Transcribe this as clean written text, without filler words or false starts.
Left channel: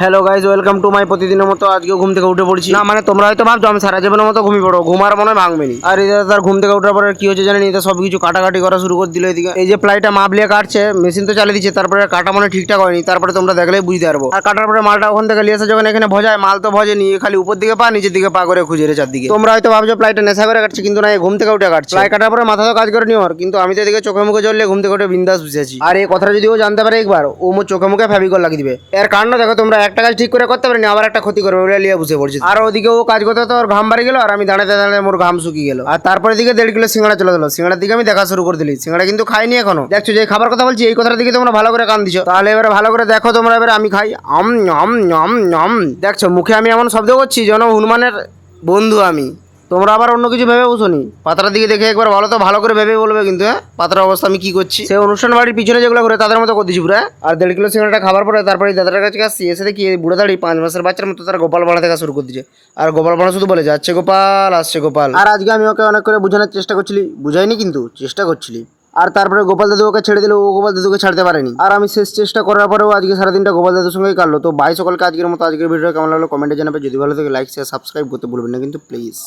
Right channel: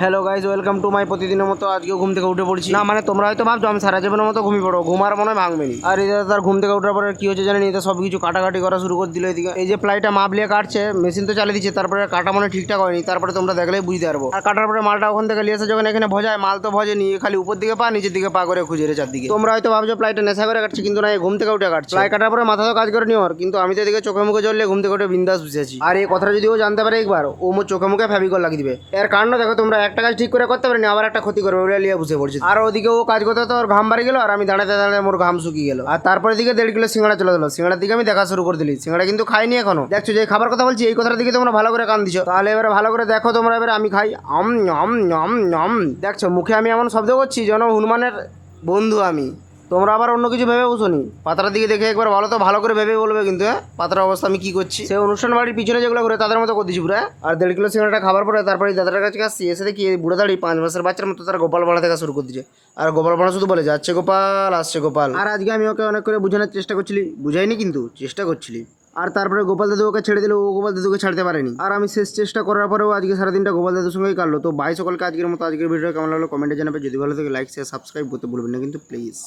Hello guys, welcome to my প্রতিদিনের মতো আজকেও ঘুম থেকে উঠে পড়ছি। না মানে তোমরা হয়তো ভাবছো আমি সারা জীবনের মতো ঘুমিয়ে পড়ো, ঘুমার মনে হয় ভাঙবেনি। আর এই তার ঘুম থেকে ওঠার পরে কি হচ্ছে জানেন, এটা সব কিছু কাটাকাটি করা শুরু করে দিল। এদিকে এই যে প্লাইটা মাপলিয়ে কাটছে, মেশিন তো চালিয়ে দিচ্ছে, তারপরে কাটা মানে ঠিকঠাক হয়নি। তারপরে তোমরা দেখলেই বুঝতে পারবো। আর কাটার পরে মালটা ওখান থেকে লিয়ে এসে যখন এখানে ভজায়, মাল তো ভজে নিয়ে খালি উপর দিকে পা নিচের দিকে পা করে খুঁজে রে চারদিকে। তোমরা হয়তো ভাবছো প্লাইটা নেশা করে কাটছে, কিন্তু না, এই ঘুম থেকে উঠে কাটছে। প্লাই কাটার পরে মাথা তো কাজ করে নিও, কিন্তু আমি তো এদিকে চোখে মুখে জ্বললে ঘুম থেকে উঠে বিন্দাস বসেছি। আর এই কথাটা যদি ও জানতে পারে একবার, ও মোর চোখে মুখে ফেভিকল লাগিয়ে দিবে। এর কারণ দেখো, তোমরা একটা কাজ ঠিক করে করতে পারেনি, আবার একটা ক্ষতি করবে বলে লিয়ে বসে পড়ছি। আর ওদিকে ও কাজ করতে তো ওর ঘাম বাড়ি গেল, আর আমি দাঁড়াতে দাঁড়াতে মোর ঘাম শুকিয়ে গেল। আর তারপরে দিকে 1.5 কিলো সিঙ্গাড়া চলে গেলো। সিঙ্গাড়ার দিকে আমি দেখা শুরু করে দিলি। সিঙ্গাড়া কিন্তু খাইনি এখনো। দেখছো যে খাবার কথা বলছি, এই কথাটার দিকে তোমরা ভালো করে কান দিছো। তাহলে এবারে ভালো করে দেখো তোমরা, এবারে আমি খাই। আম আম আম আম। দেখছো মুখে আমি এমন শব্দ করছি যেন হনুমানের বন্ধু আমি। তোমরা আবার অন্য কিছু ভেবে বসোনি। পাতার দিকে দেখে একবার ভালো তো ভালো করে ভেবে বলবে কিন্তু। হ্যাঁ, পাতার অবস্থা আমি কি করছি, সেই অনুষ্ঠান বাড়ির পিছনে যেগুলো করে তাদের মতো করতেছি পুরো। আর 1.5 কিলো সিঙ্গাড়াটা খাবার পরে তারপরে দাদার কাছে আসছি, এসে দেখি এই বুড়ো দাঁড়িয়ে 5 মাসের বাচ্চার মতো তারা গোপাল বাড়া দেখা শুরু করে দিচ্ছে। আর গোপাল বাড়া শুধু বলে যাচ্ছে গোপাল আসছে গোপাল। আর আজকে আমি ওকে অনেক করে বোঝানোর চেষ্টা করছিলি, বুঝাইনি কিন্তু চেষ্টা করছিলি। আর তারপরে গোপাল দাদু ওকে ছেড়ে দিল, ও গোপাল দাদুকে ছাড়তে পারেনি। আর আমি শেষ চেষ্টা করার পরেও আজকে সারাদিনটা গোপাল দাদুর সঙ্গেই কাটলো। তো ভাই সকলকে আজকের মতো আজকের ভিডিও কেমন লাগলো কমেন্টে জানাবে। যদি ভালো থাকে লাইক শেয়ার সাবস্ক্রাইব করতে ভুলবেন না কিন্তু প্লিজ।